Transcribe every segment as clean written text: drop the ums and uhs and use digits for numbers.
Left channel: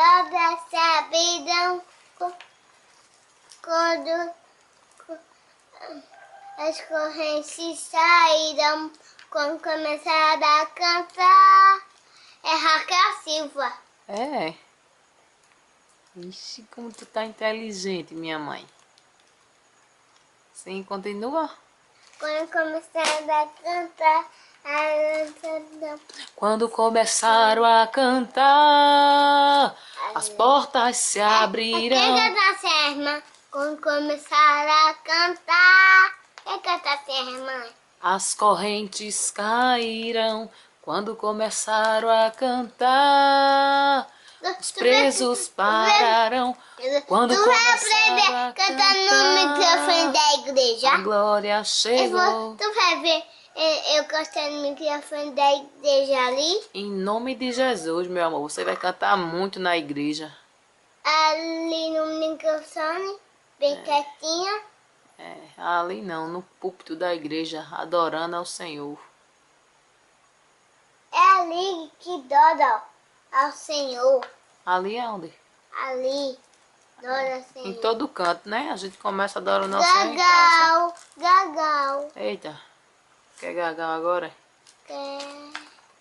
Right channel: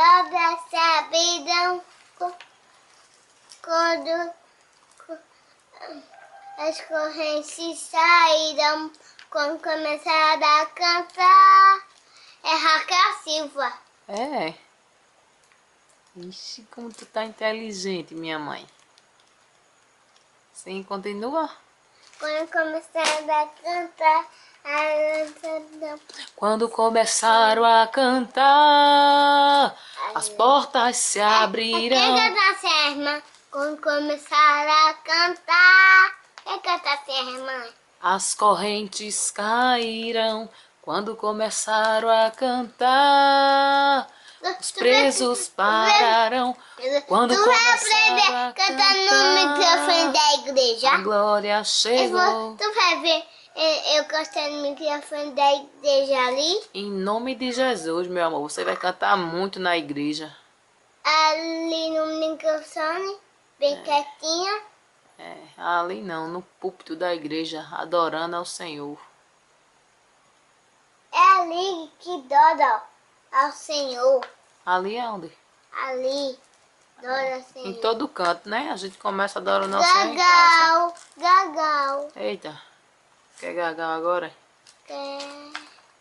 todas se abrirão quando as correntes sairão, quando começar a cantar. É Raquel Silva. É. Ixi, como tu tá inteligente, minha mãe. Sim, continua. Quando começar a cantar, Quando começaram a cantar, as portas se Quem abrirão. canta assim, irmã? Quando começar a cantar. Quem canta assim, irmã? As correntes cairão. Quando começaram a cantar, os presos pararão. Quando Tu vai começaram aprender a cantando no microfone cantar, da igreja? a glória chegou. Tu vai ver eu cantando no microfone da igreja ali? Em nome de Jesus, meu amor, você vai cantar muito na igreja. Ali no microfone, bem quietinha. É, ali não, no púlpito da igreja, adorando ao Senhor. É ali que dora ao Senhor. Ali é onde? Ali, dora ao Senhor. Em todo canto, né? A gente começa adorando ao Senhor em casa. Gagal. Eita, quer gagal agora? Quer.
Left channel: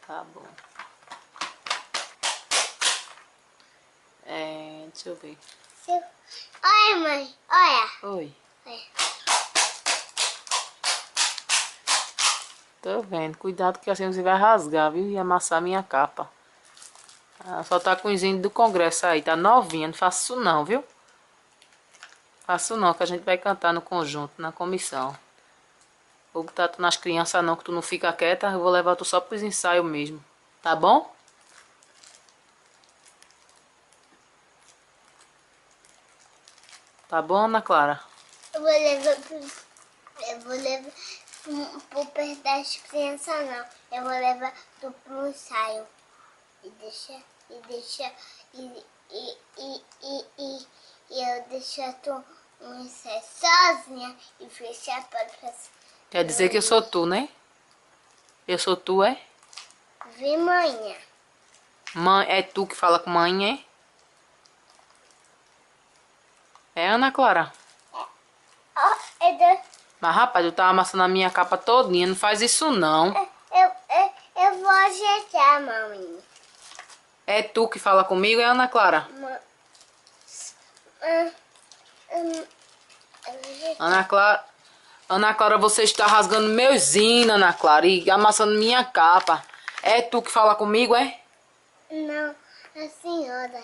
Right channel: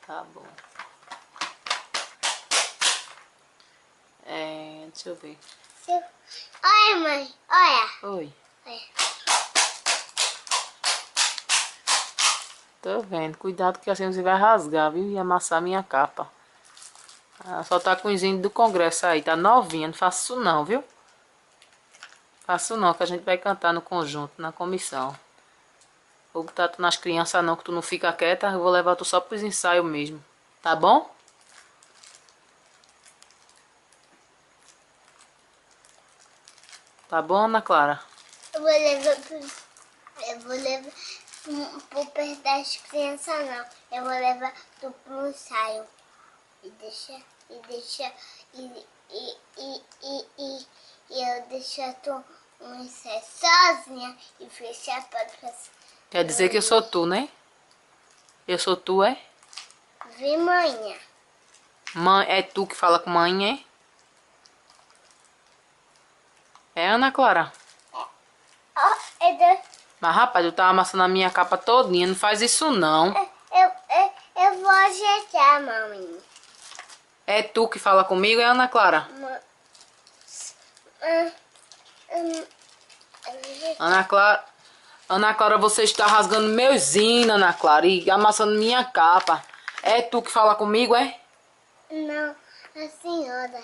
Tá bom. É, deixa eu ver. Olha, mãe, olha. Oi. Olha. Tô vendo. Cuidado que assim você vai rasgar, viu? E amassar minha capa. Ah, só tá com o engenho do congresso aí. Tá novinha. Não faço isso não, viu? Faço não, que a gente vai cantar no conjunto, na comissão. Vou botar tu nas crianças não, que tu não fica quieta. Eu vou levar tu só pros ensaios mesmo. Tá bom? Tá bom, Ana Clara? Eu vou levar pro perto das crianças, não. Eu vou levar tu pro ensaio. E eu deixar tu no ensaio sozinha e fechar a porta. Quer dizer que eu sou tu, né? Eu sou tu, é? Vi manhã. Mãe, é tu que fala com mãe, é? É, Ana Clara? Mas, rapaz, eu tava amassando a minha capa todinha. Não faz isso, não. Eu vou ajeitar, mamãe. É tu que fala comigo, é, Ana Clara? Ana Clara... Ana Clara, você está rasgando meus hinos, Ana Clara, e amassando minha capa. É tu que fala comigo, é? Não, a senhora.